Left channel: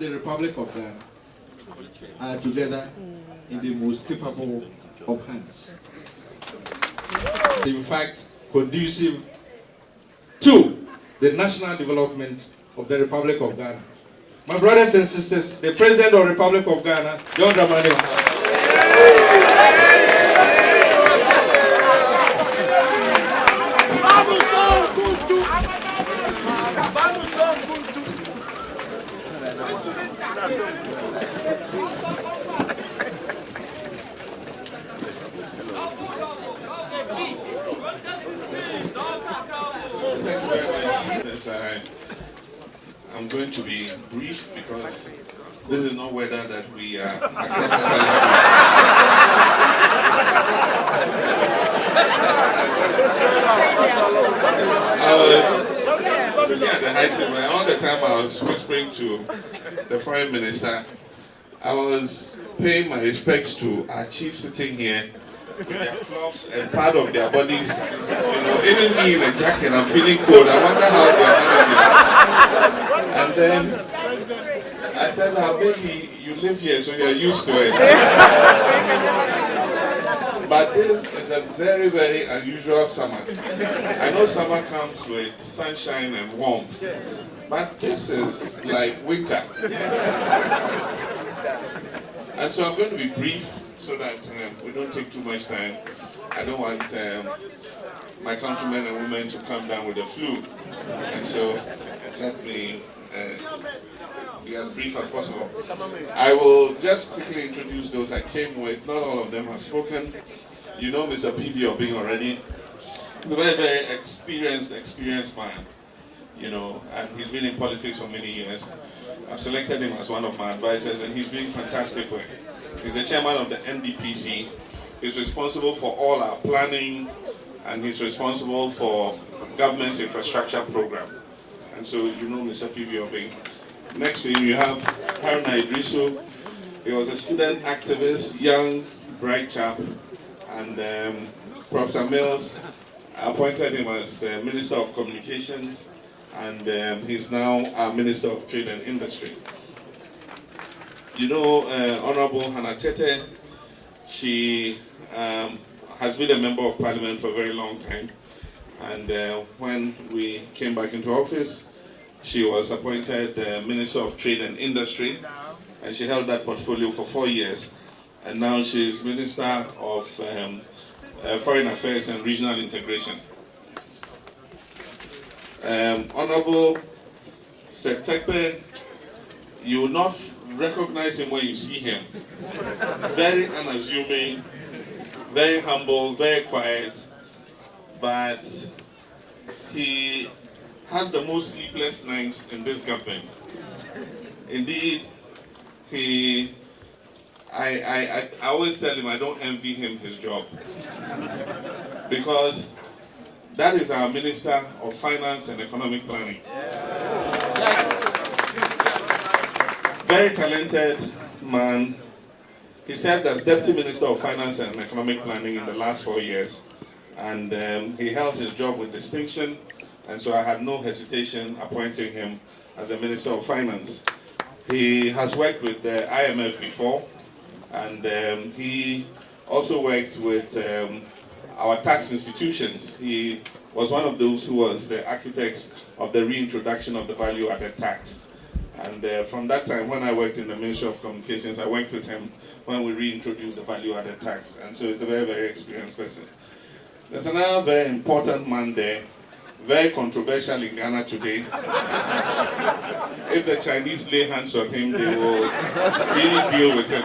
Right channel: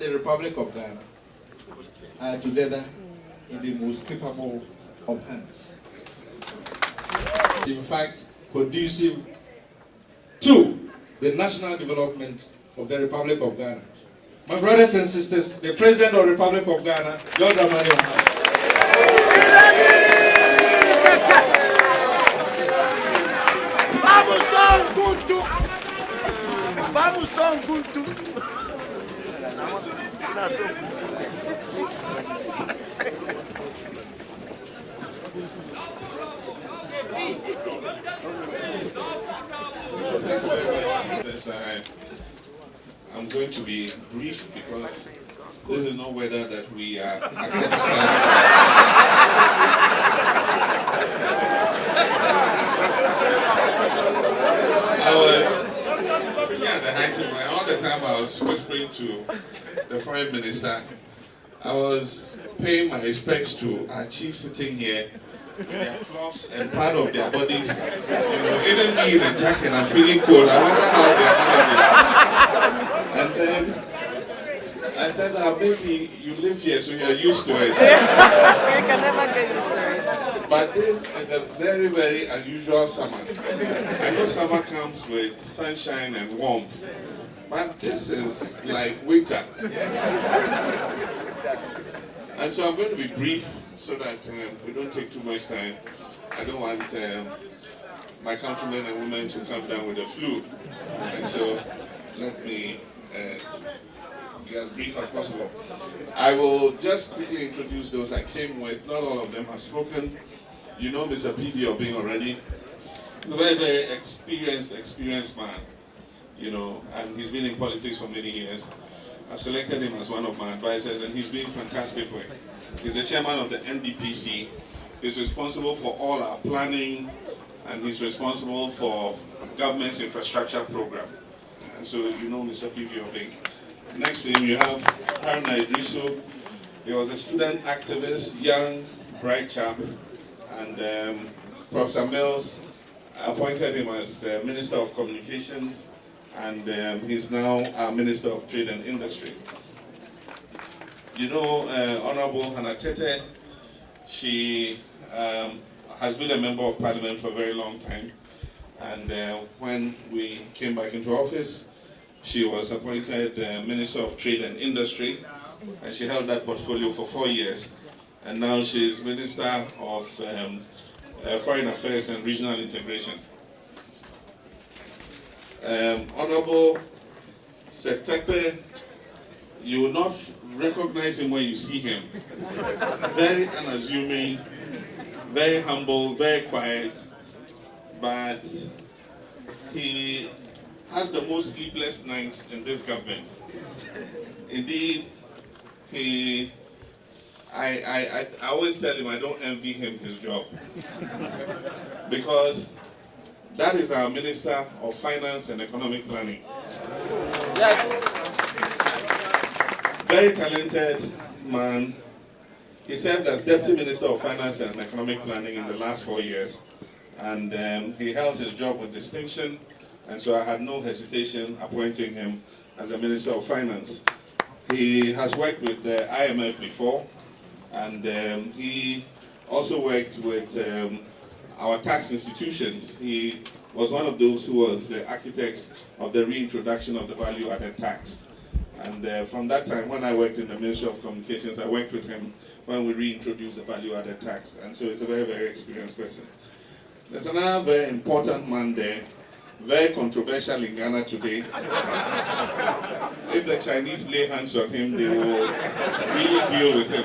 the Republic of Ghana are together in the most capable of hands. In fact, conducive to the national development of the Republic of Ghana. My brothers and sisters, the President of the Republic of Ghana, John Dramani Mahama. Thank you very much. Yes, I'm going to be brief because this is no weather that we are acclimatized to. I was sitting at the height of all the time I was whispering to the Foreign Minister. I was paying my respects to our chief sitting here with their clubs and part of their bodies. You know, even me in a jacket, I'm feeling cold. I wonder how they're managing. And then I said, maybe you live here, so you're used to it. But this is a very, very unusual summer. I know summer comes with sunshine and warmth, but this is like winter. And so I'm going to be brief so that we don't take too much time. I don't want my countrymen and women to come down with the flu. And so let me be as brief as possible. I will just quickly introduce those I came with. Not all of them have spoken. You know Mr. P.V. Obing already. He's a very, very experienced man, you know, and he's been in politics for many years. I've selected him as one of my advisors, and he's doing fantastic work. He's the chairman of the NDPC. He's responsible for all our planning, and he's responsible for government's infrastructure program. And so you know Mr. P.V. Obing. Next to him you have Haruna Idrisu. He was a student activist, young, bright chap, and Professor Mills appointed him as Minister of Communications, and he's now our Minister of Trade and Industry. You know Honorable Hannah Tete. She has been a member of Parliament for a very long time, and when we came back into office, she was appointed Minister of Trade and Industry, and she held that portfolio for 4 years, and now she's Minister of Foreign Affairs and Regional Integration. Honorable Setekpe, you will not recognize him when you see him. Very unassuming, very humble, very quiet, but he has the most sleepless nights in this government. Indeed, I always tell him I don't envy him his job, because that is our Minister of Finance and Economic Planning. Very talented man. He served as Deputy Minister of Finance and Economic Planning in the last 4 years, and he held his job with distinction, and so I had no hesitation appointing him as a Minister of Finance. He has worked with the IMF before, and he also worked with our tax institutions. He was one of those who was the architects of the reintroduction of the value-added tax. And from that time, when I worked in the Ministry of Communications, I worked with him when we reintroduced the value-added tax. And so he's a very, very experienced person. There's another very important man there, very controversial in Ghana today. If the Chinese lay hands on him, they will really deal with him.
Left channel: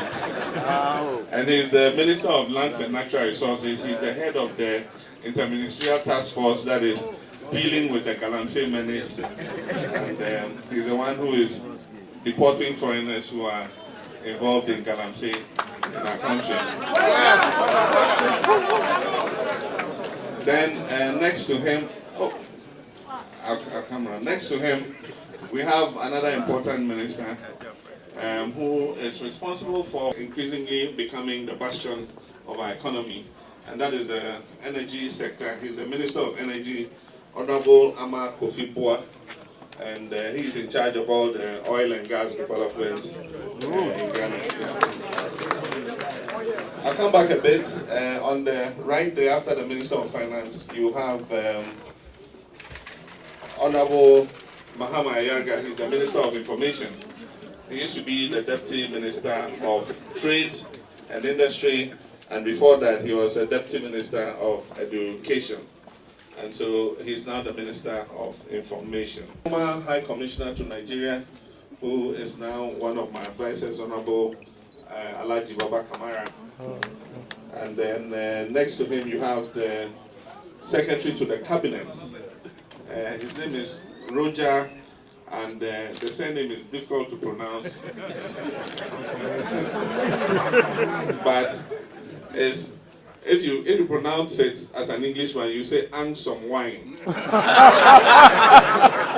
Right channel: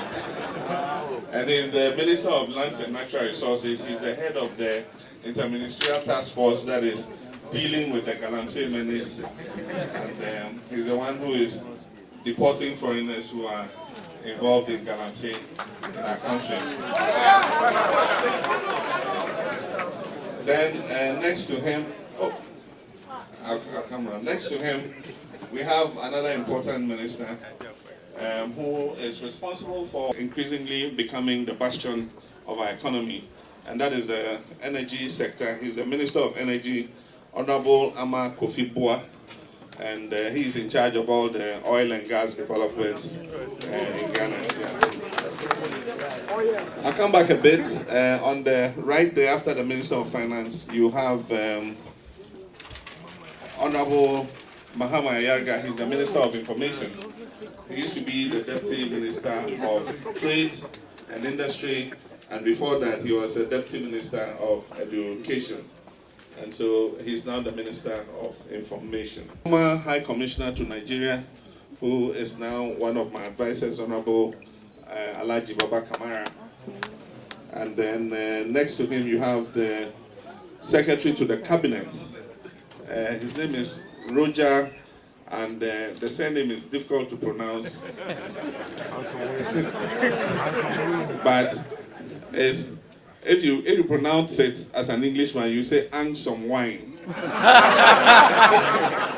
And he's the Minister of Lands and Natural Resources. He's the head of the interministerial task force that is dealing with the Galamsey menace. And he's the one who is deporting foreigners who are involved in Galamsey in our country. Then next to him, our camera. Next to him, we have another important minister who is responsible for increasingly becoming the bastion of our economy, and that is the energy sector. He's the Minister of Energy, Honorable Ama Kofi Bua. and he's in charge of all the oil and gas developments in Ghana. I'll come back a bit. On the right there, after the Minister of Finance, you have Honorable Mahama Ayarga. He's the Minister of Information. He used to be the Deputy Minister of Trade and Industry, and before that he was a Deputy Minister of Education. And so he's now the Minister of Information. Former High Commissioner to Nigeria, who is now one of my advisors, Honorable Alhaji Baba Kamara. And then next to him you have the Secretary to the Cabinet. His name is Roger, and the surname is difficult to pronounce. But if you pronounce it as an Englishman, you say "Ansome Wine."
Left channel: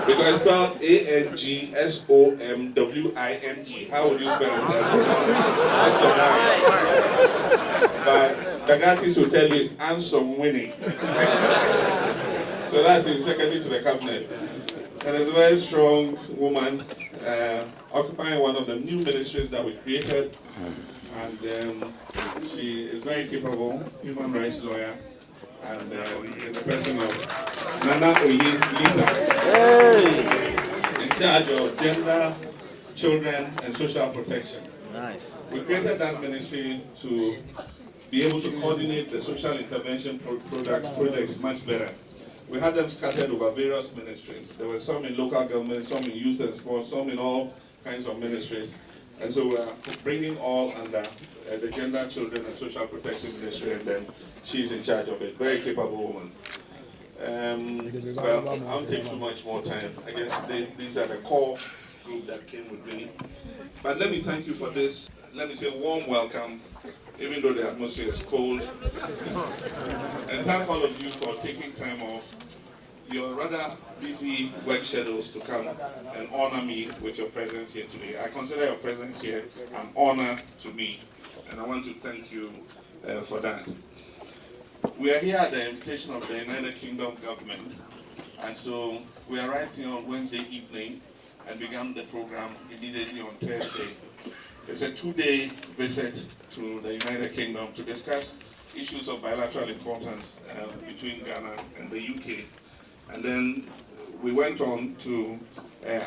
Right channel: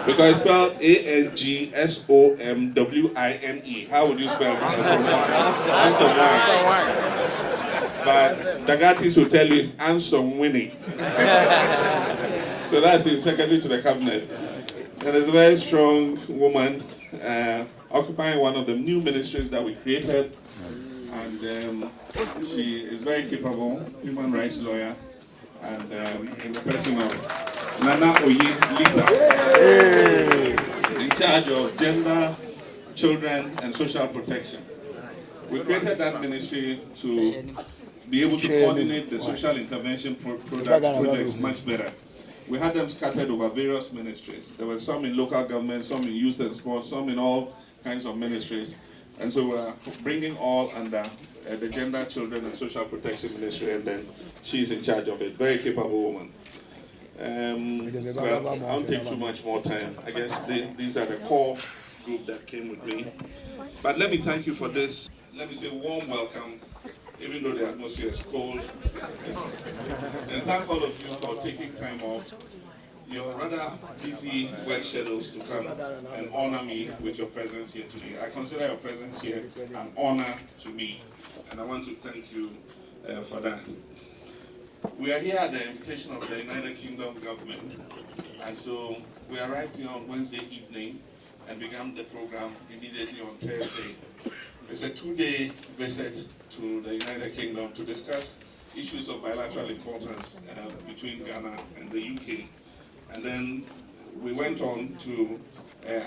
Because it's spelled ANGSOMWINE. How would you spell it? But Dagatis will tell you it's Ansome Winnie. So that's him, Secretary to the Cabinet. And there's a very strong woman occupying one of the new ministries that we created. And she is very capable, human rights lawyer, and in the person of Nana Oyin Lita, in charge of gender, children, and social protection. We created that ministry to be able to coordinate the social intervention projects much better. We had them scattered over various ministries. There were some in local government, some in youth and sports, some in all kinds of ministries. And so we're bringing all under the Gender, Children, and Social Protection Ministry, and then she's in charge of it. Very capable woman. Well, I'll give too much more time. I guess these are the core group that came with me. But let me thank you for this. Let me say warm welcome, even though the atmosphere is cold. And thank all of you for taking time off your rather busy work schedules to come and honor me with your presence here today. I consider your presence here an honor to me, and I want to thank you for that. We are here at the invitation of the United Kingdom government, and so we arrived here on Wednesday evening and began the program immediately on Thursday. It's a 2-day visit to the United Kingdom to discuss issues of bilateral importance between Ghana and the UK. And then we went on to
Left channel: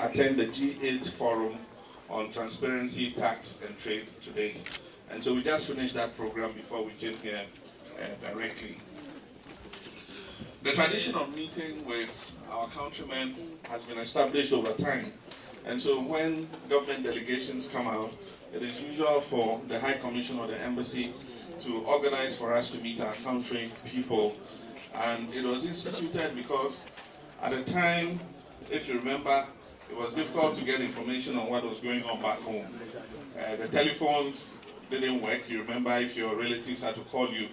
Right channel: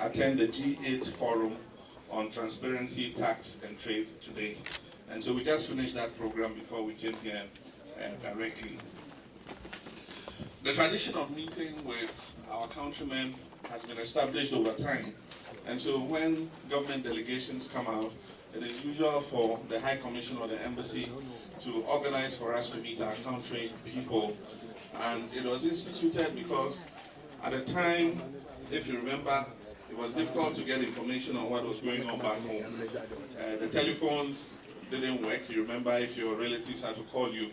attend the G8 forum on transparency, tax, and trade today. And so we just finished that program before we came here directly. The tradition of meeting with our countrymen has been established over time. And so when government delegations come out, it is usual for the High Commission or the Embassy to organize for us to meet our country people. And it was instituted because at the time, if you remember, it was difficult to get information on what was going on back home. The telephones didn't work. You remember, if your relatives had to call you,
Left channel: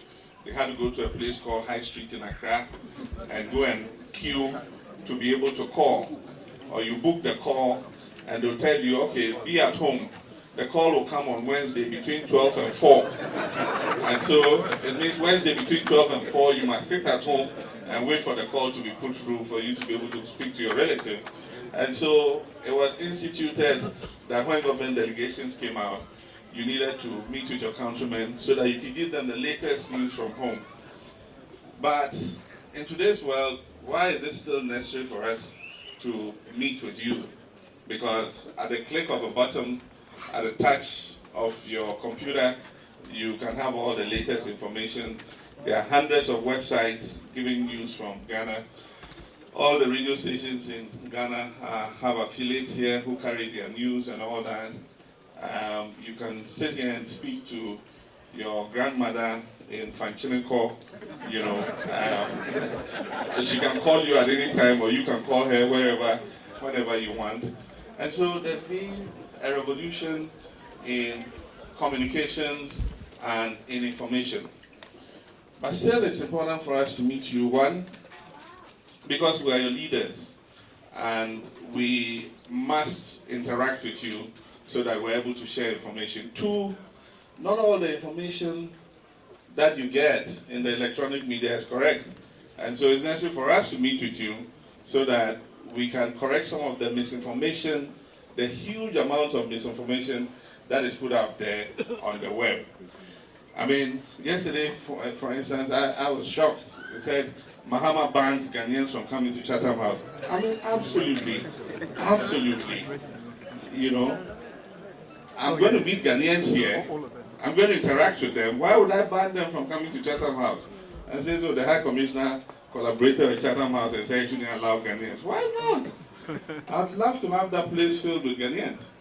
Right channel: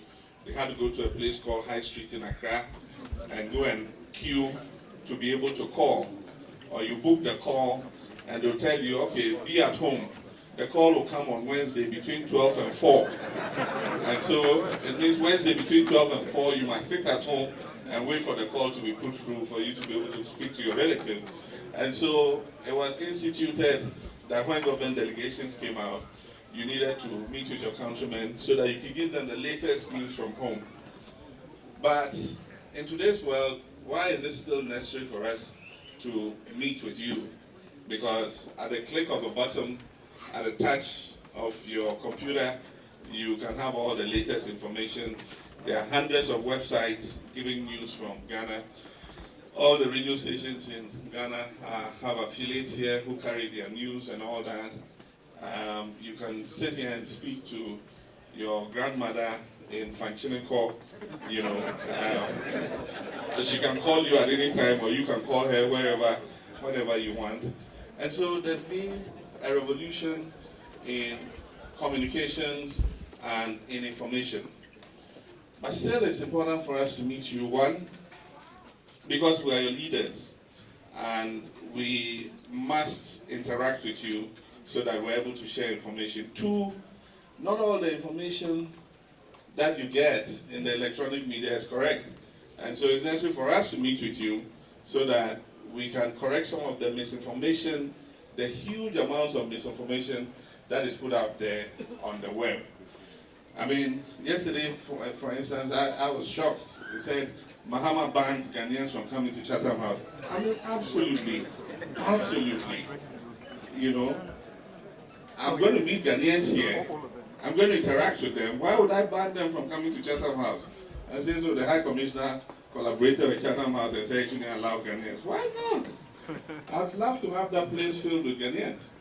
they had to go to a place called High Street in Accra and go and queue to be able to call. Or you book the call and they'll tell you, okay, be at home. The call will come on Wednesday between 12 and 4. And so it means Wednesday between 12 and 4, you must sit at home and wait for the call to be put through for you to be able to speak to your relative. And so it was instituted that when government delegations came out, you needed to meet with your countrymen so that you could give them the latest news from home. But in today's world, why is it still necessary for us to meet with you? Because at the click of a button, at the touch of your computer, you can have all the latest information. There are hundreds of websites giving news from Ghana. All the radio stations in Ghana have affiliates here who carry their news and all that. You can sit here and speak to your grandmother in Fanchiniko, you know. So she can call you at any time, or you can call her whenever you want. And so there's been a revolution in communications and in information. But still, it's important for us to meet you. One, because we are your leaders, and we must interact with you so that we're able to share information. Two, not all the information that you get in the electronic media is correct. And so it's necessary for us to meet with you so that we can correct some of the misinformation, the huge amounts of misinformation that is put out there on the web. I mean, yesterday, for instance, I was shocked. It said, Mahama bans Ghanaians from coming to Chatham House. I mean, absolutely. You know, I'm going to meet Ghanaians here. I'm going to interact with them. Why would I ban them from coming to Chatham House? And say, so the High Commissioner collaborated with Chatham House and said, you can allow Ghanaians. Why not? I'd love to have that place filled with Ghanaians.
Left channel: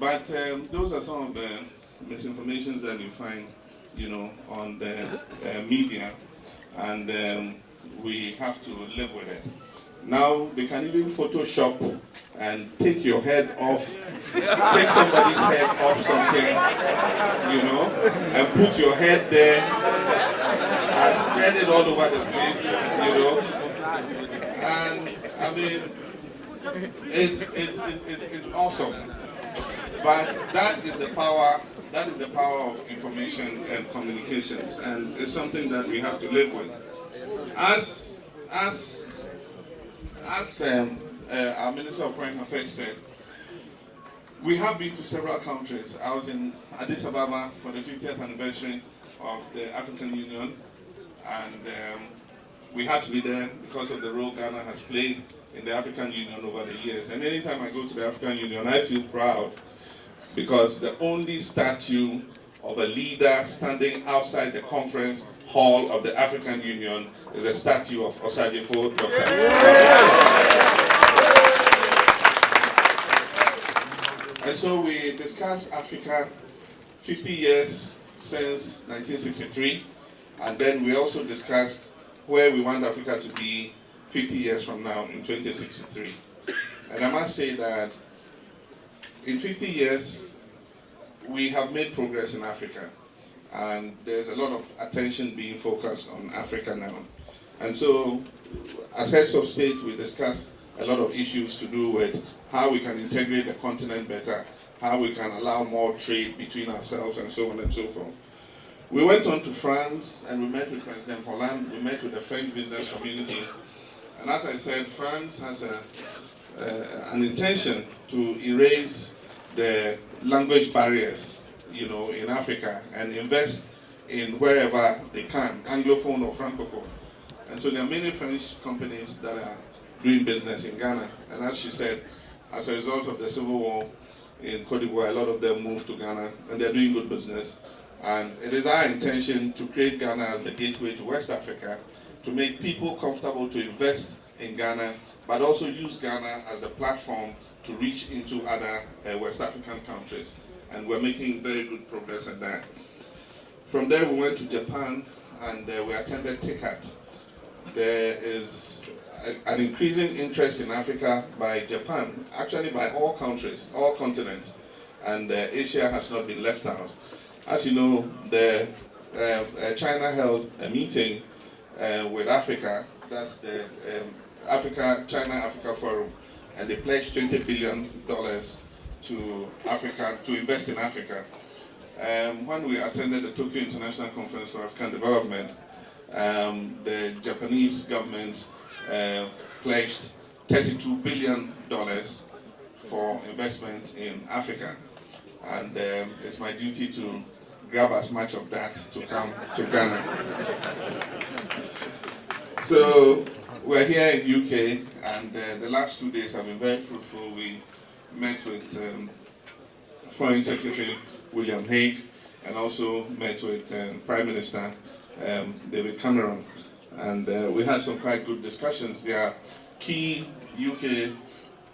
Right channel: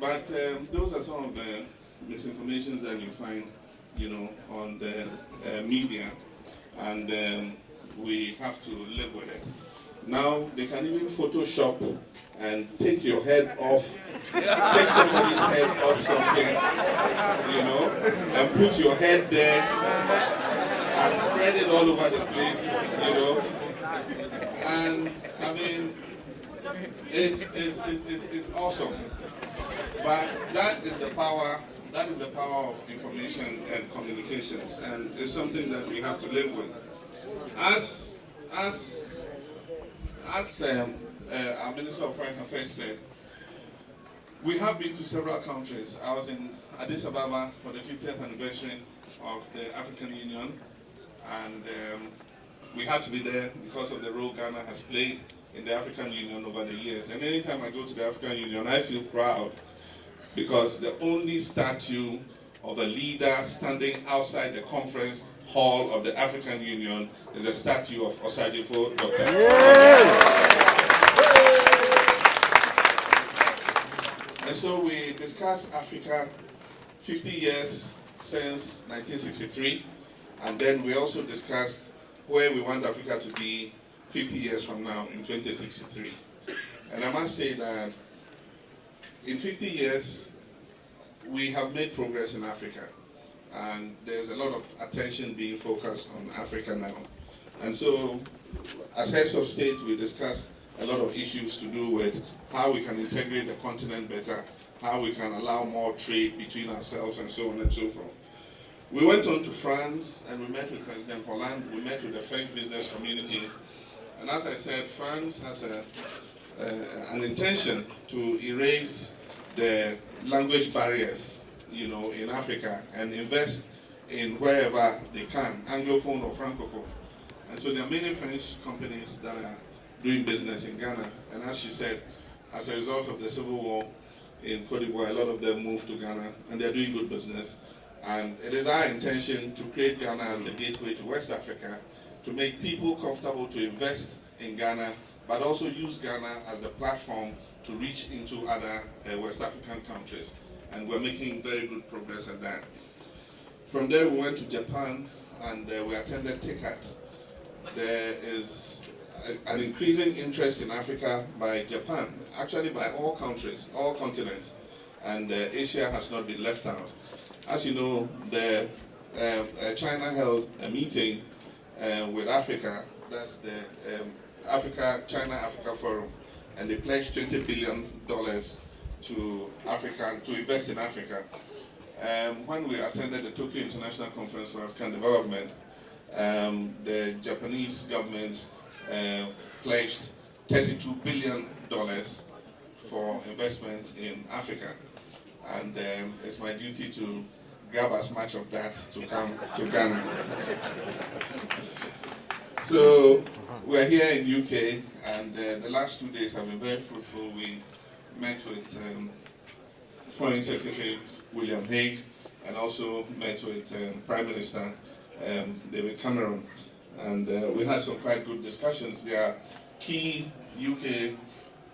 But those are some of the misinformations that you find, you know, on the media, and we have to live with it. Now they can even Photoshop and take your head off, take somebody's head off something, you know, and put your head there and spread it all over the place, you know. And I mean, it's awesome. But that is the power. That is the power of information and communications, and it's something that we have to live with. As our Minister of Foreign Affairs said, we have been to several countries. I was in Addis Ababa for the 50th anniversary of the African Union, and we had to be there because of the role Ghana has played in the African Union over the years. And anytime I go to the African Union, I feel proud, because the only statue of a leader standing outside the conference hall of the African Union is a statue of Osagyefo Dr. And so we discussed Africa 50 years since 1963, and then we also discussed where we want Africa to be 50 years from now in 2063. And I must say that in 50 years, we have made progress in Africa, and there's a lot of attention being focused on Africa now. And so, as heads of state, we discussed a lot of issues to do with how we can integrate the continent better, how we can allow more trade between ourselves, and so on and so forth. We went on to France, and we met with President Hollande, we met with the French business community, and as I said, France has an intention to erase the language barriers, you know, in Africa, and invest in wherever they can, Anglophone or Francophone. And so there are many French companies that are doing business in Ghana. And as she said, as a result of the civil war in Cote d'Ivoire, a lot of them moved to Ghana, and they're doing good business. And it is our intention to create Ghana as the gateway to West Africa, to make people comfortable to invest in Ghana, but also use Ghana as a platform to reach into other West African countries. And we're making very good progress at that. From there, we went to Japan, and we attended TICAD. There is an increasing interest in Africa by Japan, actually by all countries, all continents, and Asia has not been left out. As you know, China held a meeting with Africa, that's the China-Africa Forum, and they pledged $20 billion to Africa, to invest in Africa. When we attended the Tokyo International Conference for African Development, the Japanese government pledged $32 billion for investment in Africa. And it's my duty to grab as much of that to come to Ghana. So we're here in UK, and the last 2 days have been very fruitful. We met with Foreign Secretary William Hague, and also met with Prime Minister David Cameron. And we had some quite good discussions. There are key UK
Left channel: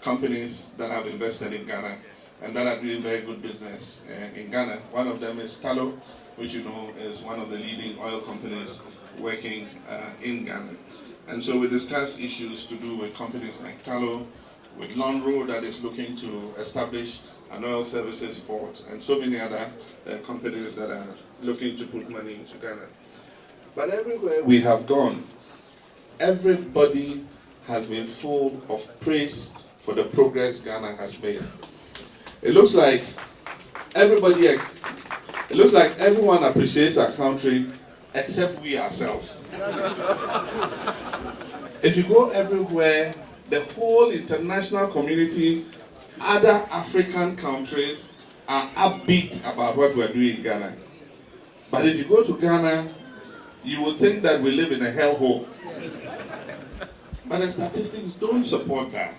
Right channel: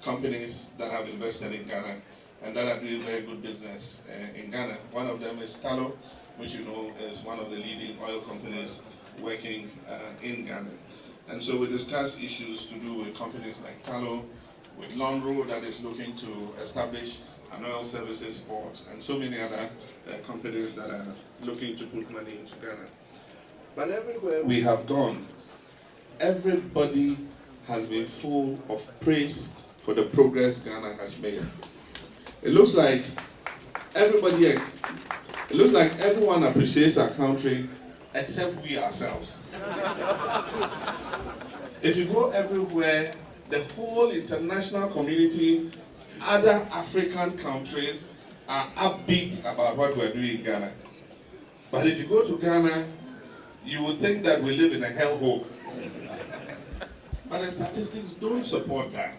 companies that have invested in Ghana and that are doing very good business in Ghana. One of them is Tullow, which you know is one of the leading oil companies working in Ghana. And so we discussed issues to do with companies like Tullow, with Longroad that is looking to establish an oil services port, and so many other companies that are looking to put money into Ghana. But everywhere we have gone, everybody has been full of praise for the progress Ghana has made. It looks like everyone appreciates our country except we ourselves. If you go everywhere the whole international community, other African countries are upbeat about what we're doing in Ghana. But if you go to Ghana, you would think that we live in a hellhole. But the statistics don't support that.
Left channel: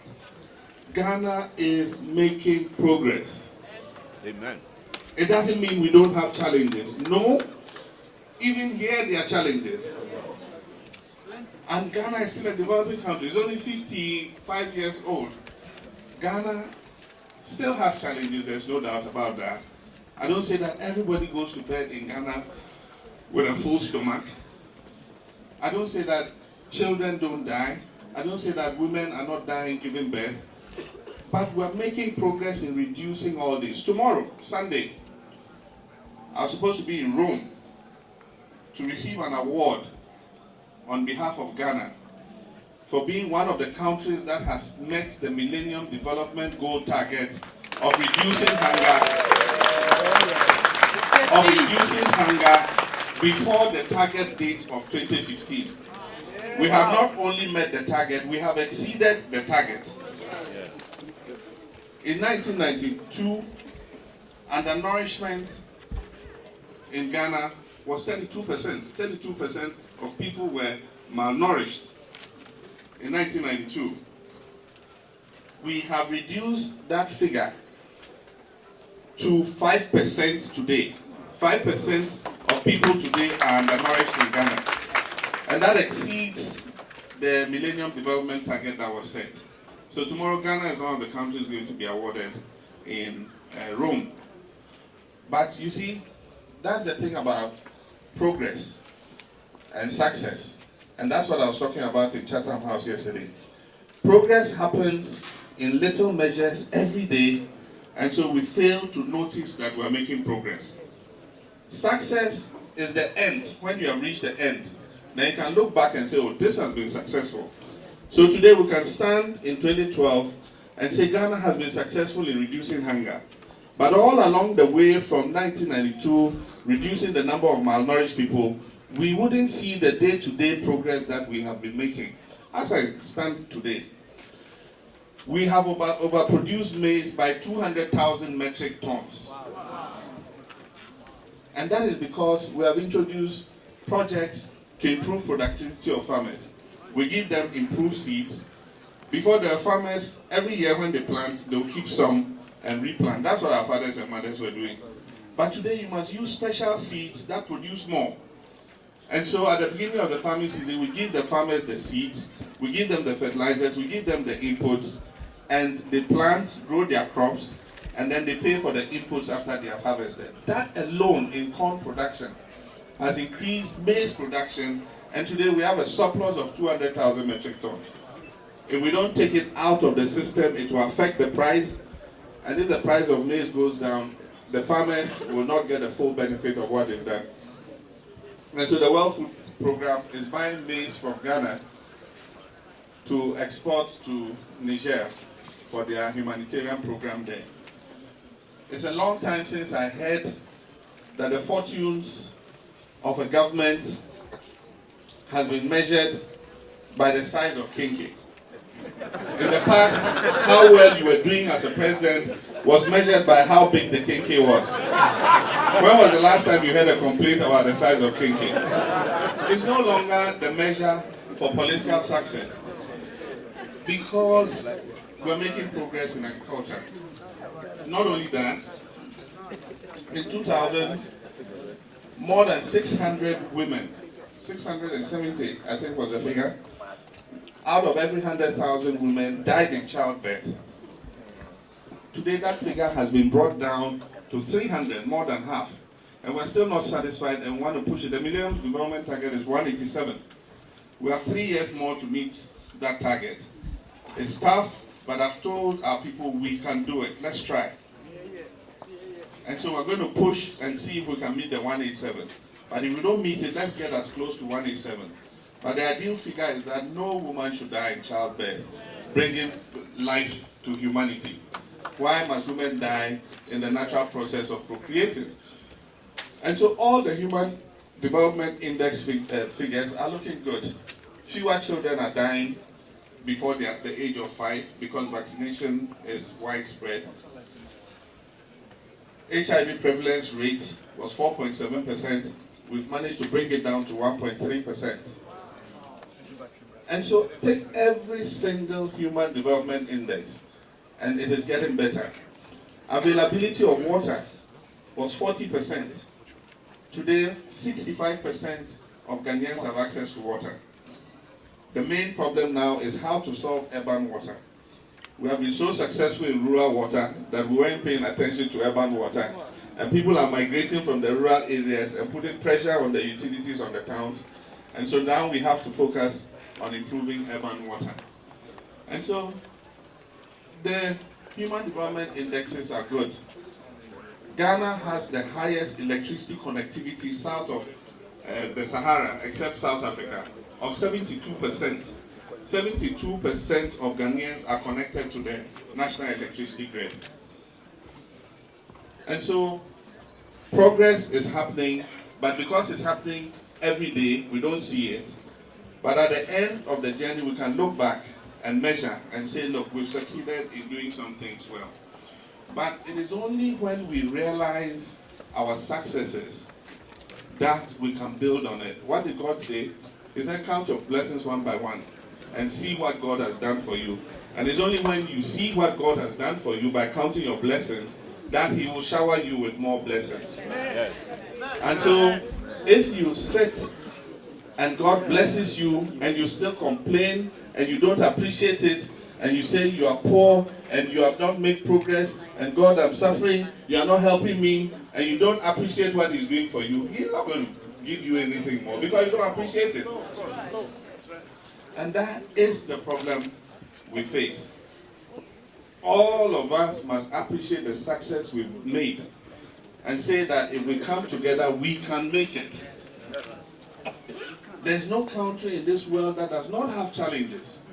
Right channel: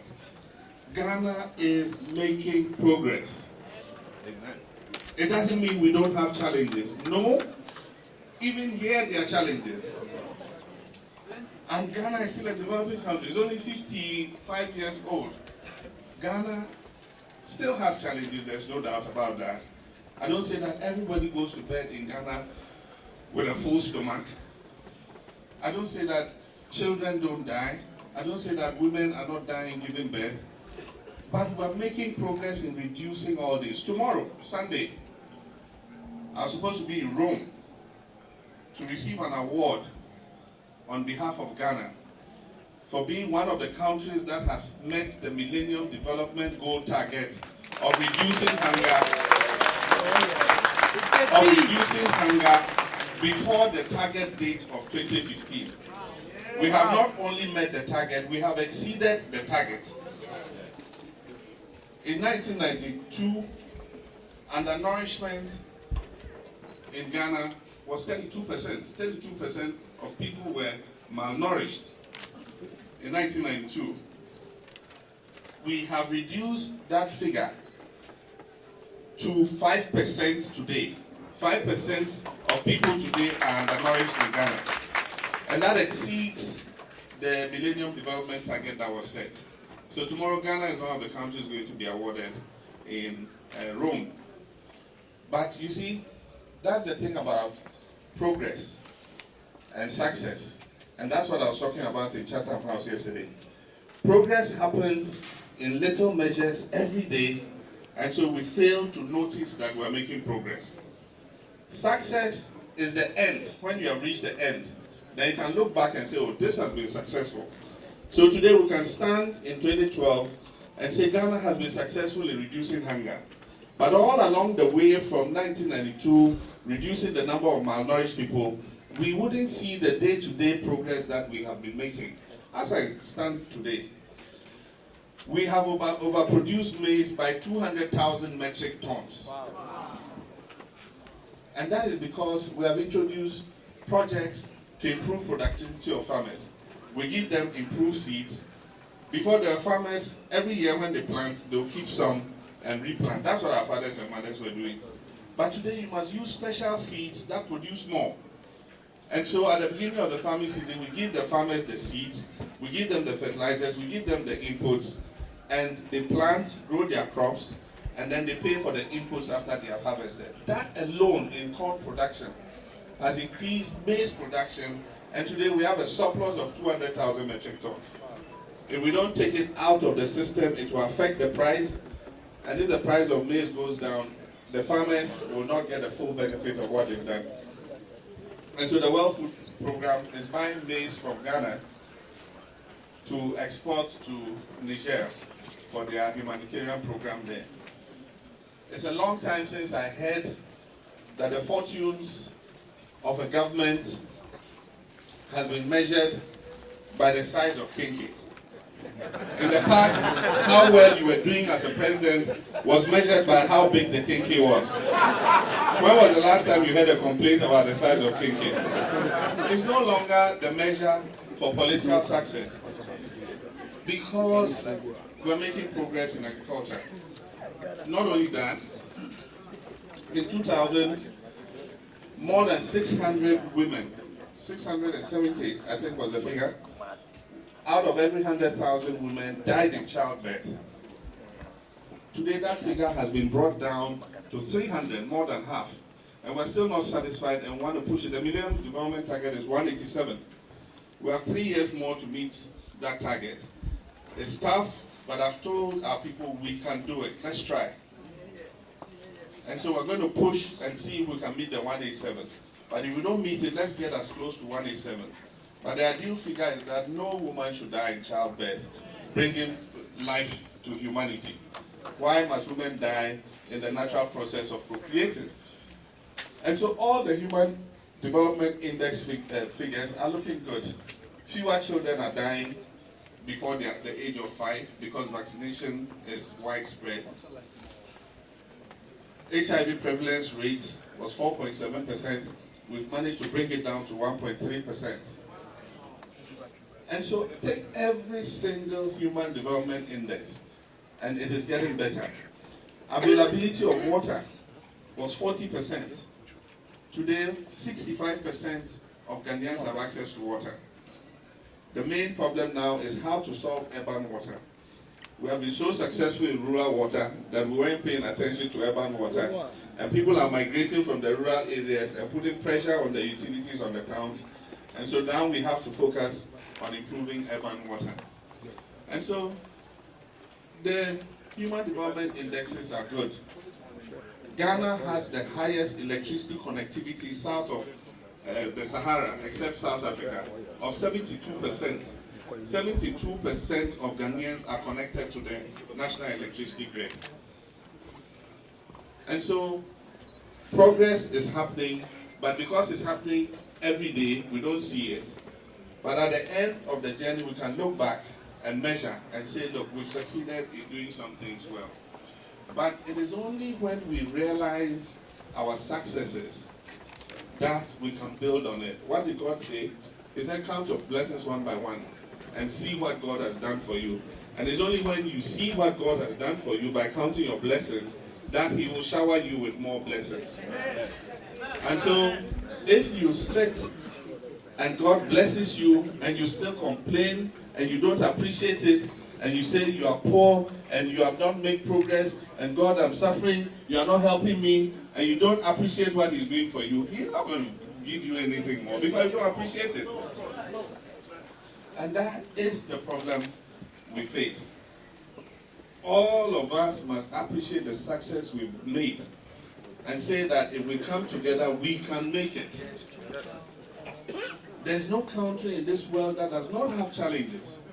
Ghana is making progress. Amen. It doesn't mean we don't have challenges. No, even here there are challenges. And Ghana is still a developing country. It's only 55 years old. Ghana still has challenges, there's no doubt about that. I don't say that everybody goes to bed in Ghana with a full stomach. I don't say that children don't die. I don't say that women are not dying giving birth. But we're making progress in reducing all this. Tomorrow, Sunday, I was supposed to be in Rome to receive an award on behalf of Ghana for being one of the countries that has met the Millennium Development Goal target of reducing hunger before the target date of 2015. We have not only met the target, we have exceeded the target. In 1992, undernourishment in Ghana was 32%. 32% of people were malnourished in 1992. We have reduced that figure to 5% today. 5% of people today are undernourished in Ghana. And that exceeds the Millennium Development Target that was set. So tomorrow, Ghana is one of the countries going to be awarded in Rome. But you see, that's the thing about progress and success. And that's what I was talking about in Chatham House yesterday. Progress happens in little measures every day, and so we fail to notice that we're making progress. Success is the end. When you have reached the end, then you can look back and say, oh, this has been successful. So today we can stand in 2012 and say Ghana has been successful in reducing hunger. But all along the way from 1992, reducing the number of malnourished people, we wouldn't see the day-to-day progress that we have been making. As I stand today, we have overproduced maize by 200,000 metric tons. Wow. And that is because we have introduced projects to improve productivity of farmers. We give them improved seeds. Before the farmers, every year when they plant, they'll keep some and replant. That's what our fathers and mothers were doing. But today you must use special seeds that produce more. And so at the beginning of the farming season, we give the farmers the seeds, we give them the fertilizers, we give them the inputs, and they plant, grow their crops, and then they pay for the inputs after they have harvested. That alone in corn production has increased maize production, and today we have a surplus of 200,000 metric tons. If we don't take it out of the system, it will affect the price, and if the price of maize goes down, the farmers will not get the full benefit of what they've done. And so the World Food Program is buying maize from Ghana to export to Niger for their humanitarian program there. It's a long time since I heard that the fortunes of a government has been measured by the size of kinky. In the past, how well you were doing as a president was measured by how big the kinky was. When was the last time you heard a complaint about the size of kinky? It's no longer the measure for political success because we're making progress in agriculture. Not only that, in 2000, more than 600 women, 670 I think was the figure, out of every 100,000 women died in childbirth. Today that figure has been brought down to 300, more than half. And we're still not satisfied and want to push it. The Millennium Development Target is 187. We have 3 years more to meet that target. It's tough, but I've told our people we can do it. Let's try. And so we're going to push and see if we can meet the 187. But if we don't meet it, let's get as close to 187. But the ideal figure is that no woman should die in childbirth, bringing life to humanity. Why must women die in the natural process of procreating? And so all the Human Development Index figures are looking good. Fewer children are dying. before the age of 5 because vaccination is widespread. HIV prevalence rate was 4.7%. We've managed to bring it down to 1.3%. And so take every single human development index, and it is getting better. Availability of water was 40%. Today, 65% of Ghanaians have access to water. The main problem now is how to solve urban water. We have been so successful in rural water that we weren't paying attention to urban water. And people are migrating from the rural areas and putting pressure on the utilities on the towns. And so now we have to focus on improving urban water. And so the human development indexes are good. Ghana has the highest electricity connectivity south of the Sahara, except South Africa, of 72%. 72% of Ghanaians are connected to the national electricity grid. And so progress is happening, but because it's happening every day, we don't see it. But at the end of the journey, we can look back and measure and say, look, we've succeeded in doing some things well. But it is only when we realize our successes that we can build on it. What did God say? He said, count your blessings one by one and see what God has done for you. And it's only when you see what God has done for you by counting your blessings that He will shower you with more blessings. And so, if you sit and God blesses you and you still complain and you don't appreciate it and you say you are poor and you have not made progress and God, I'm suffering, you are not helping me, and you don't appreciate what He's doing for you, He's not going to give you anything more because you don't appreciate it. And that is the problem we face. All of us must appreciate the success we've made and say that if we come together, we can make it. There's no country in this world that does not have challenges.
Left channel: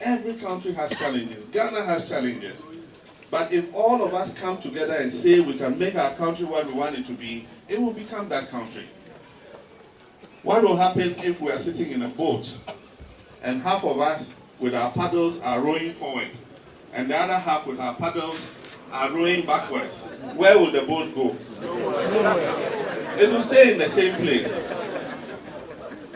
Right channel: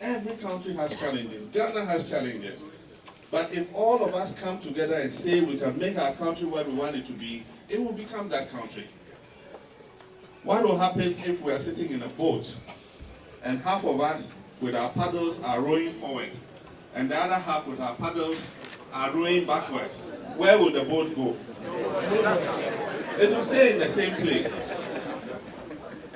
Every country has challenges. Ghana has challenges. But if all of us come together and say we can make our country what we want it to be, it will become that country. What will happen if we are sitting in a boat and half of us with our paddles are rowing forward and the other half with our paddles are rowing backwards? Where will the boat go? It will stay in the same place.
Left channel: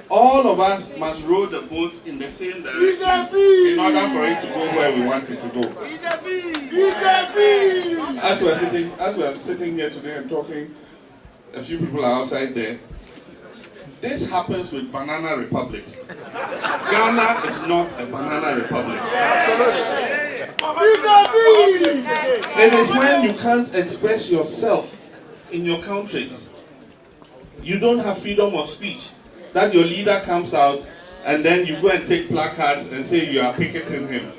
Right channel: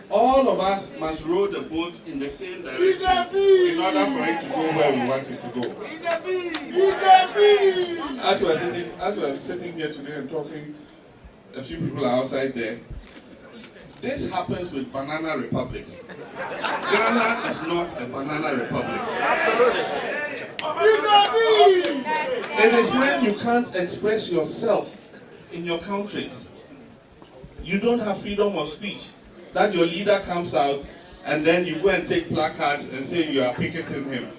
All of us must row the boat in the same direction in order for it to go where we want it to go. As we are sitting here today and talking, a few people are outside there. This happens with banana republics. Ghana is not a banana republic. It is when you can't express yourself in your country. You don't have freedom of speech. That your leader comes out and then you go and take placards and say you are picketing him.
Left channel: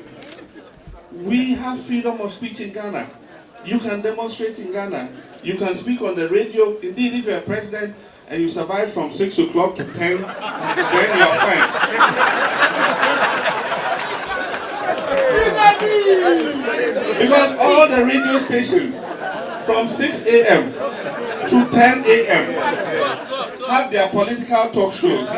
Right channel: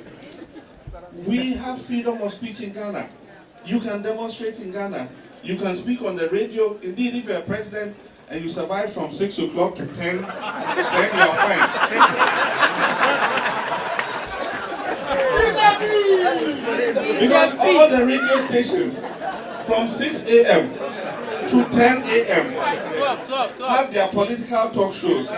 We have freedom of speech in Ghana. You can demonstrate in Ghana. You can speak on the radio. Indeed, if you're a president and you survive from 6 o'clock to 10, then you are fine. Because all the radio stations from 6 a.m. to 10 a.m. have their political talk shows,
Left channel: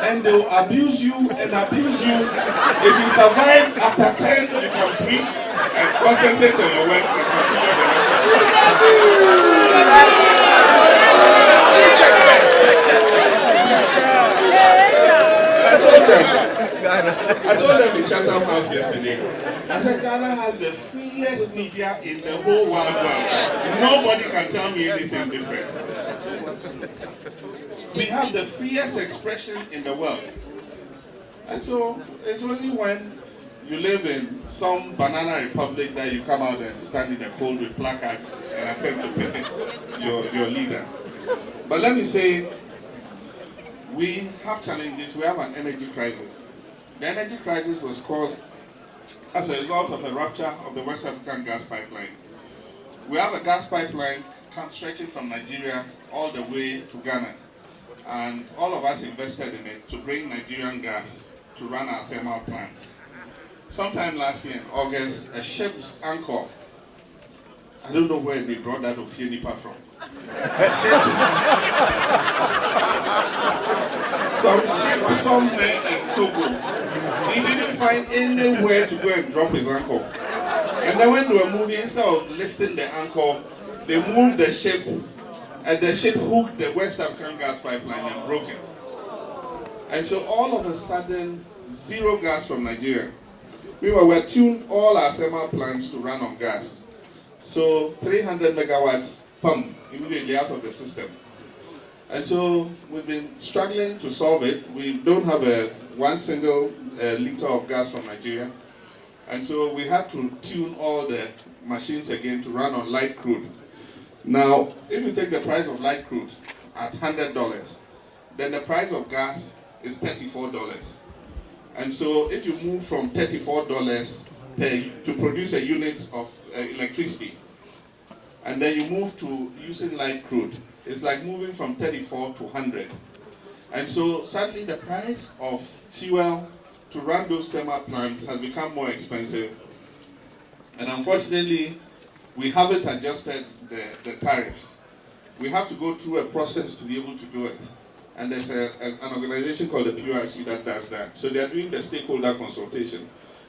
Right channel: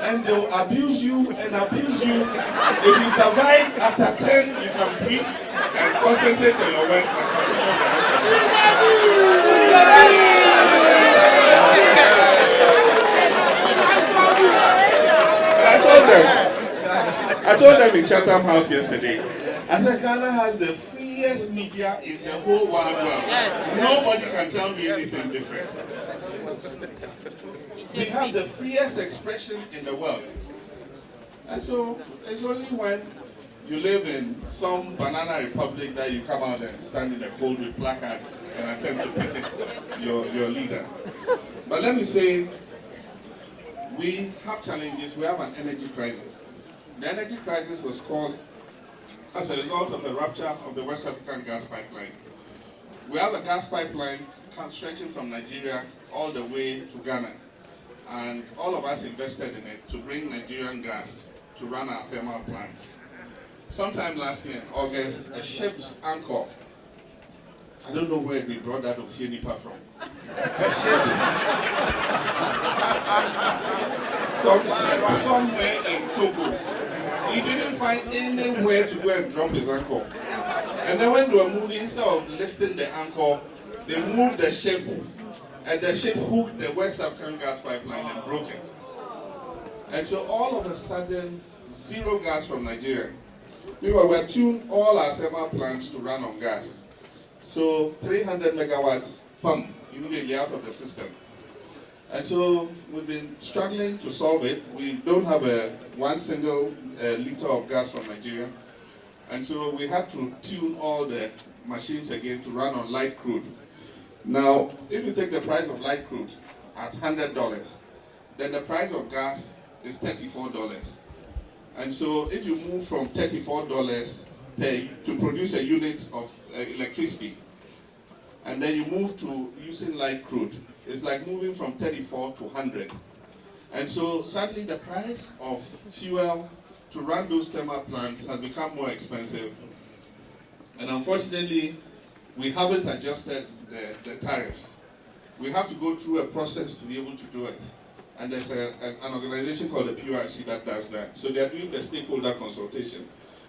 and they will abuse you and abuse you. If you survive after 10, you can breathe and concentrate on your work and continue the rest of the I told them in Chatham House yesterday, I said Ghana has the freest media in the whole wide world. Nobody can tell me anything different. We have the freest expression in the world. And so it's only when you live in some banana republic that you come out and stand in the cold with placards and attempt to picnic your leader. But let me say, we have challenges. We have an energy crisis. The energy crisis was caused as a result of the rupture of the West African gas pipeline. We have a gas pipeline stretching from Nigeria all the way to Ghana. And all of us invested in it to bring Nigerian gas to run our thermal plants. Sometime last year in August, a ship's anchor, I don't know where they brought that Ofienipa from. A ship some ship somewhere in Togo. He didn't find anywhere to go and drop his anchor. And then when they were moving, instead of lifting the anchor, they moved the ship, and the ship hooked the West African gas pipeline and broke it. And so all of a sudden, zero gas from Nigeria. We tuned all our thermal plants to run on gas. So 300 megawatts pump immediately out of the system. And so we've been struggling to solve it. We don't have one single liter of gas from Nigeria. And so we had to tune all the machines again to run on light crude. Now, if you take the price of light crude at $100, then the price of gas is $34. And so if you move from $34 to produce a unit of electricity, and then you move to using light crude, it's like moving from 34 to 100. And so suddenly the price of fuel to run those thermal plants has become more expensive. And unfortunately, we haven't adjusted the tariffs. We have to go through a process to be able to do it. And there's an organization called the PRC that does that. So they are doing the stakeholder consultation.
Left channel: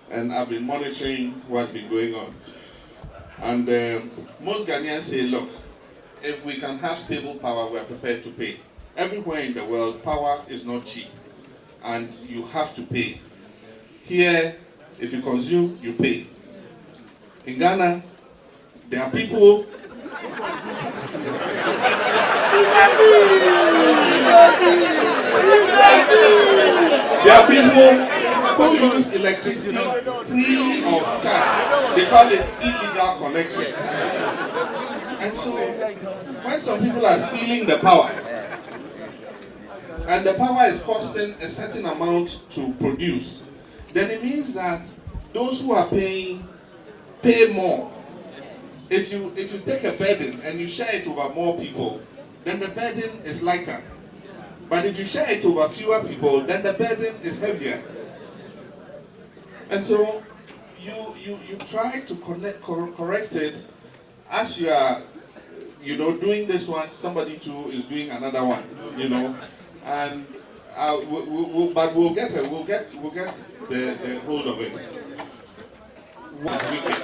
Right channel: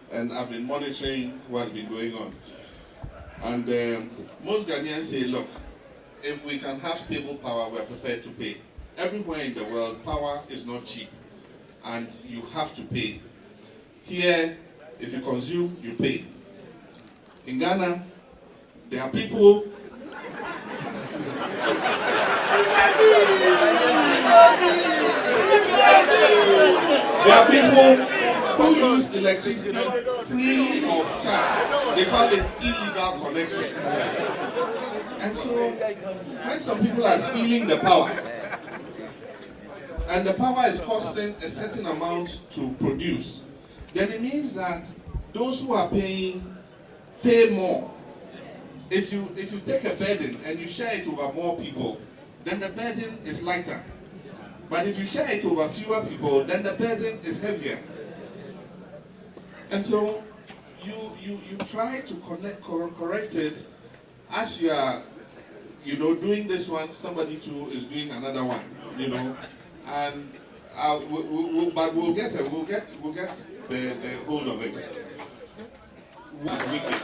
And I've been monitoring what's been going on. And most Ghanaians say, look, if we can have stable power, we're prepared to pay. Everywhere in the world, power is not cheap. And you have to pay. Here, if you consume, you pay. In Ghana, there are people who use electricity free of charge. They call it illegal connection. And so, when some people are stealing the power, and the power is costing a certain amount to produce, then it means that those who are paying pay more. If you take a burden and you share it over more people, then the burden is lighter. But if you share it over fewer people, then the burden is heavier. And so you try to correct it as you are, doing this one. Somebody too is doing another one, and but we'll get the hold of it. What's wicked?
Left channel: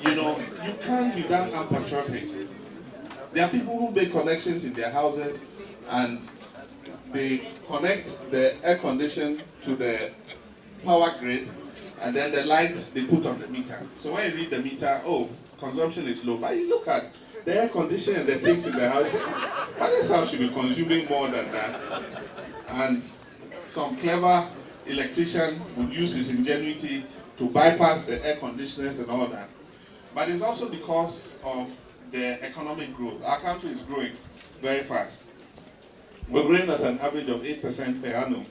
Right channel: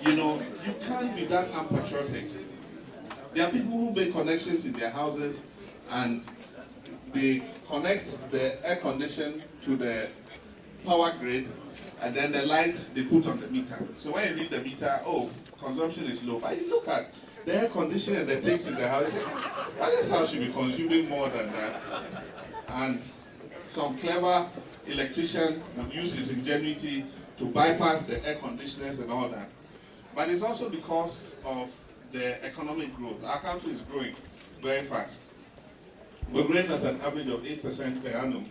You can't be that unpatriotic. There are people who make connections in their houses and they connect the air condition to the power grid, and then the lights they put on the meter. So when you read the meter, consumption is low. But you look at the air condition and the things in the house, why this house should be consuming more than that? And some clever electrician would use his ingenuity to bypass the air conditioners and all that. But it's also because of the economic growth. Our country is growing very fast. We're growing at an average of 8% per annum.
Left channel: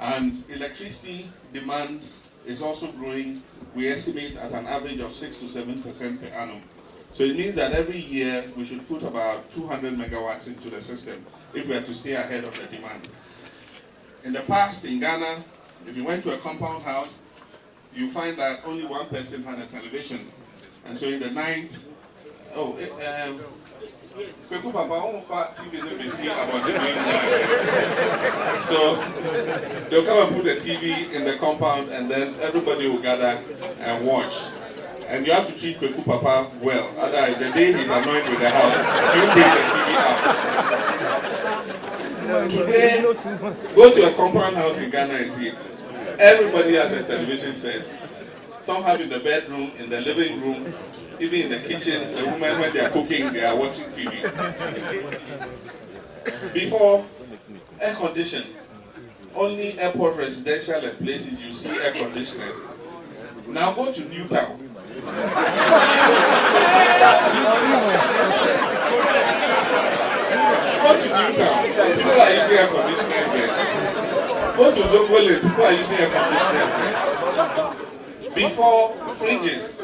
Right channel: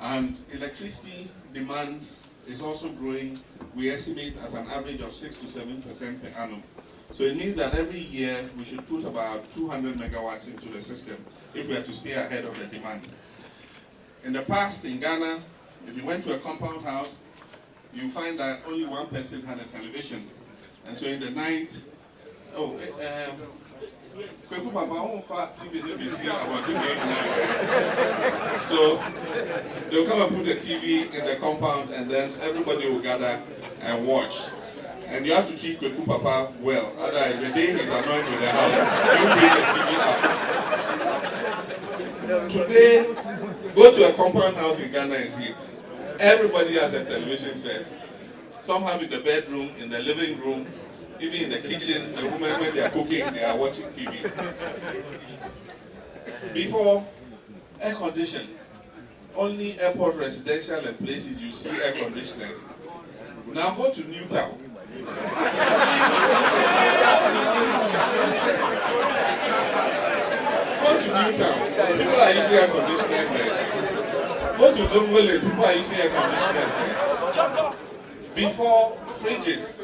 And electricity demand is also growing, we estimate, at an average of 6 to 7% per annum. So it means that every year we should put about 200 megawatts into the system if we are to stay ahead of the demand. In the past, in Ghana, if you went to a compound house, you find that only one person had a television. And so in the night, Kweku Papa, I won't fat TV about the So they'll come and put the TV in the compound, and then everybody will gather and watch. And you have to treat Kweku Papa well. Otherwise, the day he's annoyed with the house, he'll bring the TV out. Today, go to a compound house in Ghana and see it. Everybody has a television set. Some have in the bedroom, in the living room, even in the kitchen. The women, when they are cooking, they are watching TV. Before, air condition. Only airport residential and places you see air conditioners. Now go to Newtown. Go to Newtown. People are using air conditioners there. Go to Jongole. People are using air conditioners there. Before, fridges.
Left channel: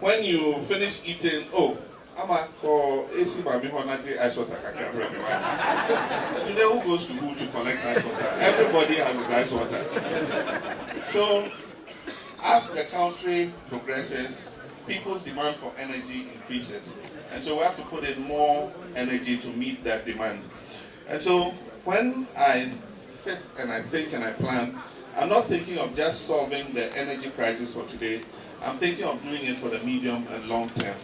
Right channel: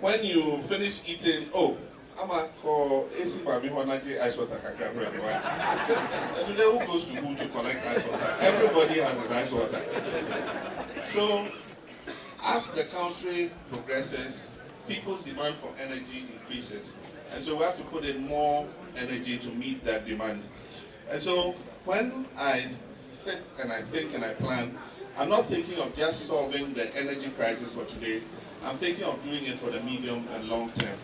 When you finish eating, I'm a call AC by me ice water. Today, who goes to who to collect ice water? Everybody has his ice water. So, as the country progresses, people's demand for energy increases. And so we have to put in more energy to meet that demand. And so when I sit and I think and I plan, I'm not thinking of just solving the energy crisis for today. I'm thinking of doing it for the medium and long term.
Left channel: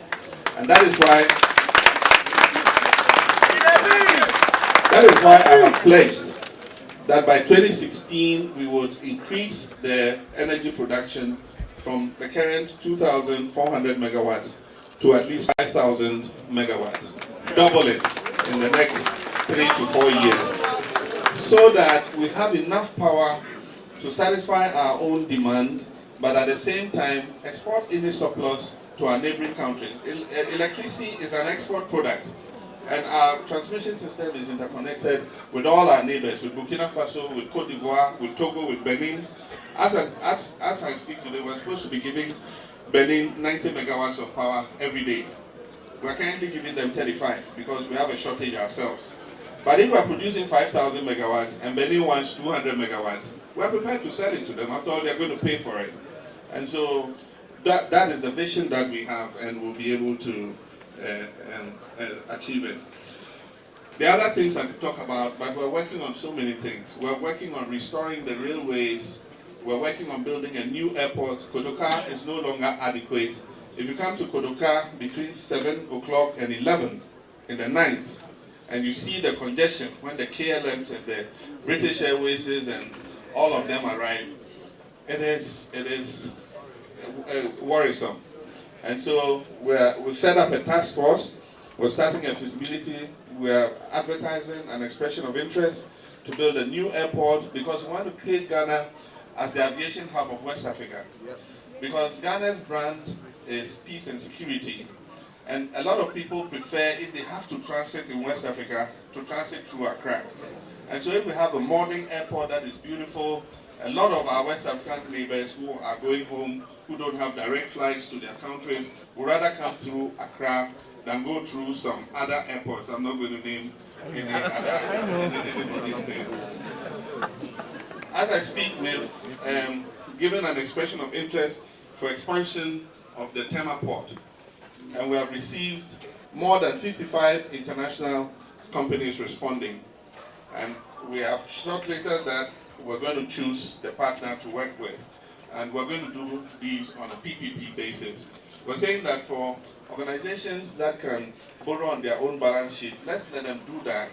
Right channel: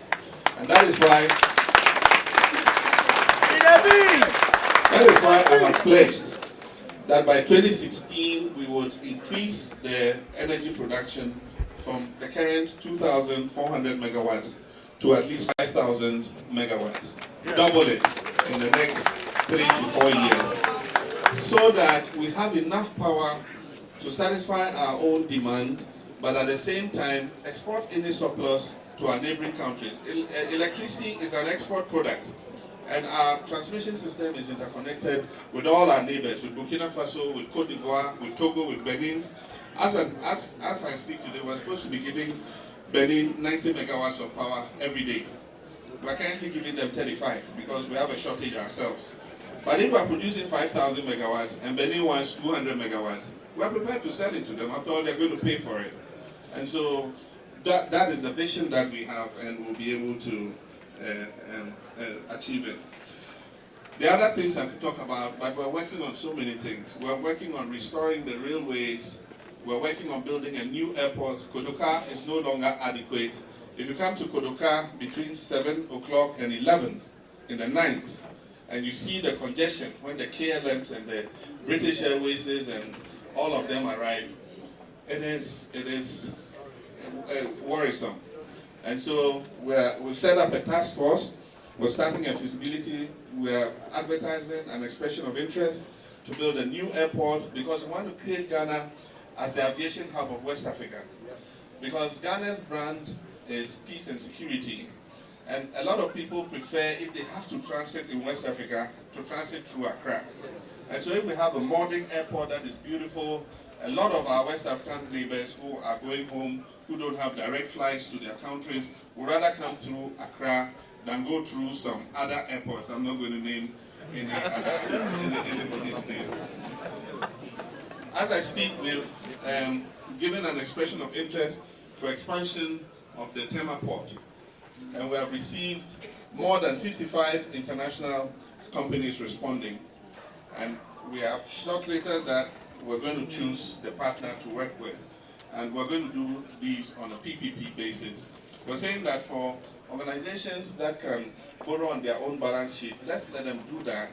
And that is why I have pledged that by 2016 we would increase the energy production from the current 2,400 megawatts to at least 5,000 megawatts. Double it in the next 3 to 4 years, so that we have enough power to satisfy our own demand, but at the same time export any surplus to our neighboring countries. Electricity is an export product, and our transmission system is interconnected with all our neighbors, with Burkina Faso, with Cote d'Ivoire, with Togo, with Benin. As I speak today, we're supposed to be giving Benin 90 megawatts of power every day. We're currently giving them 35 because we have a shortage ourselves. But if we're producing 5,000 megawatts and Benin wants 200 megawatts, we're prepared to sell it to them. After all, they're going to pay for it. And so that is the vision that we have, and we'll be able to achieve it. The other things I could talk about, but we're working on so many things. We're working on restoring the railways. We're working on building a new airport. Kotoka is no longer adequate. If you come to Kotoka between 7 o'clock and 11 in the night, and you see the congestion when the KLMs and the British Airways and all of them arrive, it is worrisome. And so we've set up a task force. We're starting a feasibility. We're advertising an expression of interest to build a new airport because we want to create Ghana as the aviation hub of West Africa. Because Ghana's brand is peace and security. And a lot of people prefer, if they have to transit in West Africa, to transit through Accra. And so if we have a modern airport that is beautiful, a lot of our West African neighbors who are going home, who don't have direct flights to their countries, would rather come through Accra than go through some other airports. I'm not going to name anybody's name. As I speak, we've given an expression of interest for expansion of the Tema port. And we have received more than 55 international companies responding. And we have shortlisted that we're going to choose the partner to work with. And we're going to do these on a PPP basis. We're saying that for organizations that can borrow on their own balance sheet, let's let them do that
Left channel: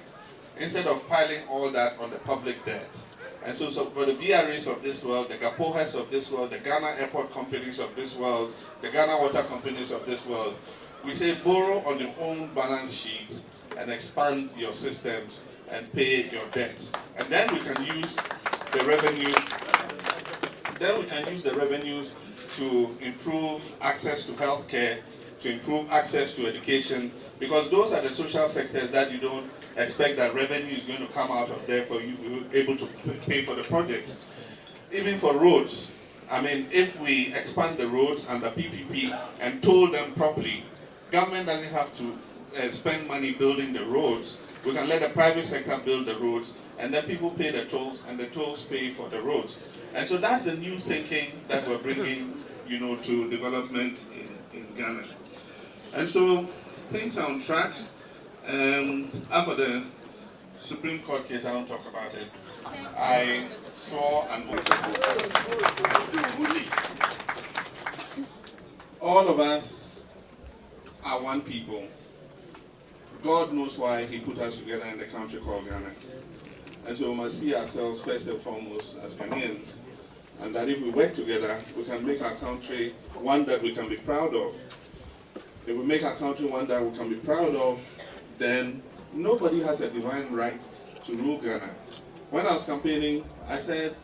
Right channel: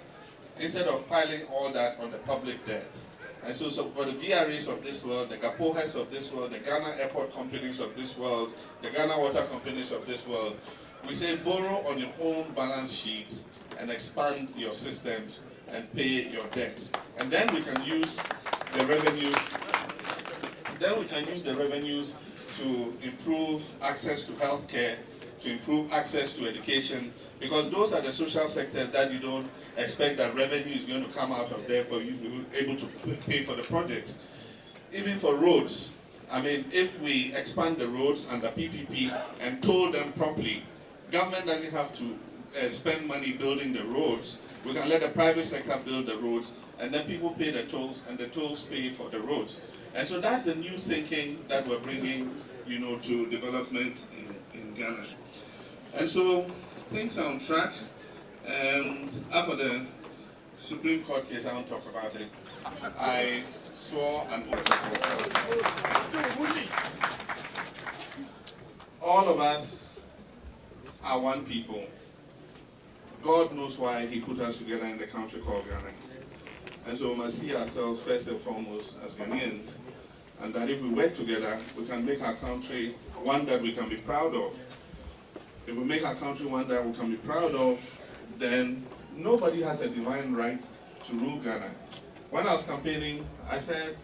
instead of piling all that on the public debt. And so for the VRAs of this world, the Gapohas of this world, the Ghana airport companies of this world, the Ghana water companies of this world, we say borrow on your own balance sheets and expand your systems and pay your debts. And then we can use the revenues. Then we can use the revenues to improve access to healthcare, to improve access to education, because those are the social sectors that you don't expect that revenue is going to come out of there for you to be able to pay for the projects. Even for roads, I mean, if we expand the roads under PPP and toll them properly, government doesn't have to spend money building the roads. We can let the private sector build the roads, and then people pay the tolls, and the tolls pay for the roads. And so that's the new thinking that we're bringing, to development in Ghana. And so things are on track. After the Supreme Court case, I won't talk about it. I swore an oath. All of us are one people. God knows why He put us together in the country called Ghana. And so we must see ourselves first and foremost as Ghanaians. And that if we work together, we can make our country one that we can be proud of. If we make our country one that we can be proud of, then nobody has a divine right to rule Ghana. When I was campaigning, I said,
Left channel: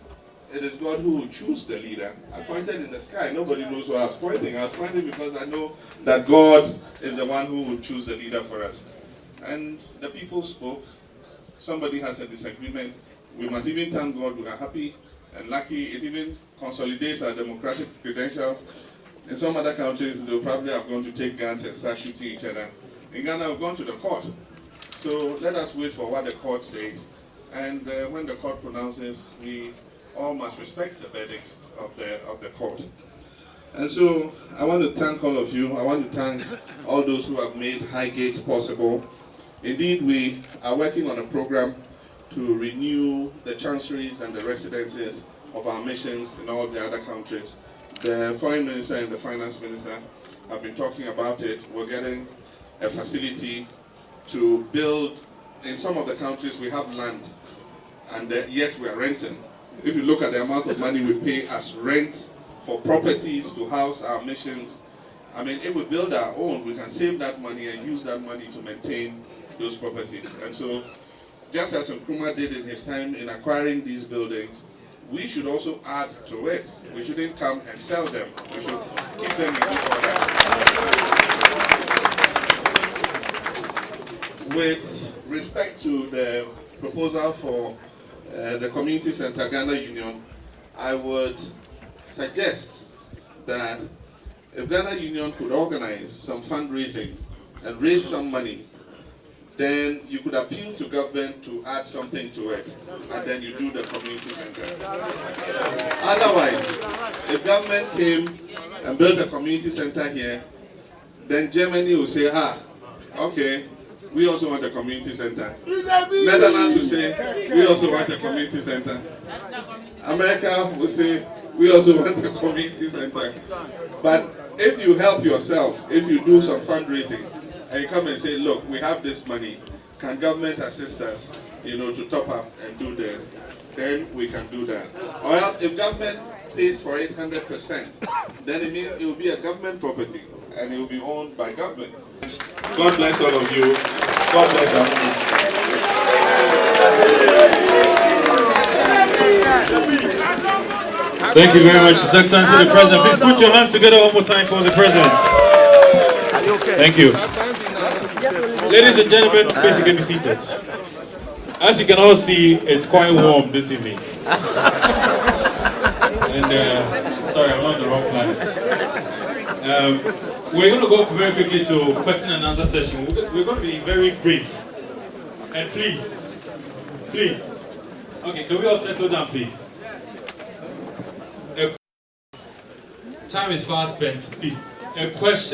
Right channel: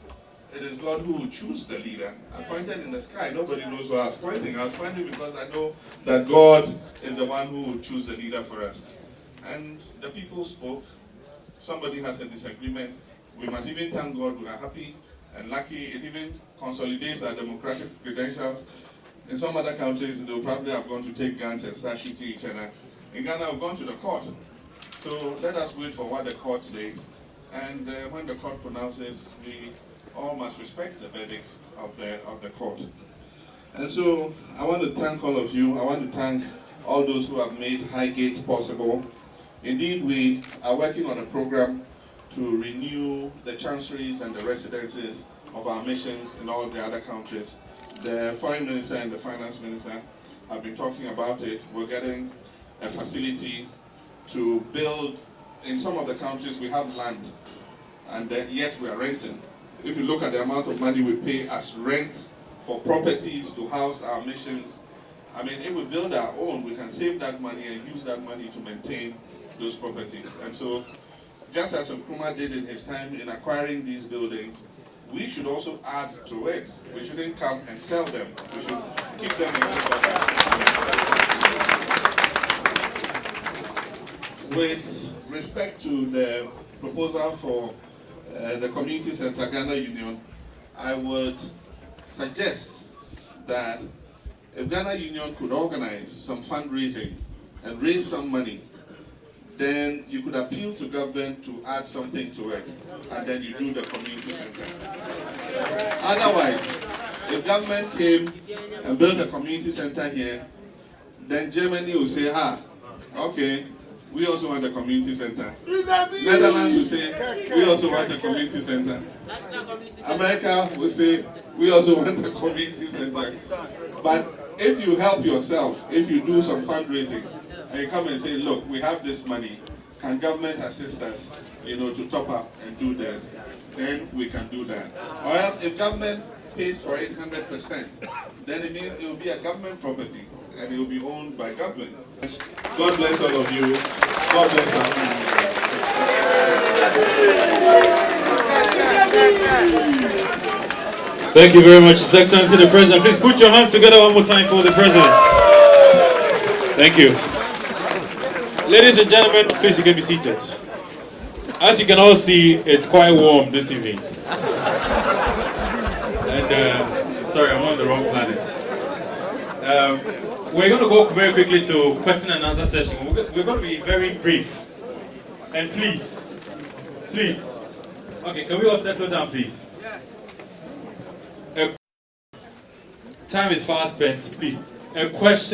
it is God who will choose the leader. I pointed in the sky. Nobody knows where I was pointing. I was pointing because I know that God is the one who will choose the leader for us. And the people spoke. Somebody has a disagreement. We must even thank God we are happy and lucky. It even consolidates our democratic credentials. In some other countries, they'll probably have gone to take guns and start shooting each other. In Ghana, we've gone to the court. So let us wait for what the court says. And when the court pronounces, we all must respect the verdict of the court. And so I want to thank all of you. I want to thank all those who have made Highgate possible. Indeed, we are working on a program to renew the chanceries and the residences of our missions in all the other countries. The Foreign Minister and the Finance Minister have been talking about it. We're getting a facility to build. In some of the countries we have land, and yet we are renting. If you look at the amount of money we pay as rent for properties to house our missions, I mean, if we build our own, we can save that money and use that money to maintain those properties. And so, just as Nkrumah did in his time in acquiring these buildings, we should also add to it. We shouldn't come and sell them. We should keep them in good order. With respect to the proposal for the Community Center Ghana Union, I would suggest that if Ghana Union could organize some fundraising and raise some money, then you could appeal to government to add something to it, and then you do the community center. Otherwise, if government came and built a community center here, then Germany will say, okay, we also want a community center. Netherlands will say, we also want a community center. America will say, we also want a community center. But if you help yourselves, if you do some fundraising, and you come and say, look, we have this money, can government assist us, to top up and do this, then we can do that. Or else, if government pays for it 100%, then it means it will be a government property, and it will be owned by government. God bless all of you. God bless our Thank you very much, His Excellency the President. Please put your hands together one more time for the President. Thank you. Ladies and gentlemen, please get seated. As you can all see, it's quite warm this evening. And sorry, I'm on the wrong planet. We're going to go very quickly to question and answer session. We're going to be very brief. And please. Okay, can we all settle down, please? Time is fast spent, please. A question.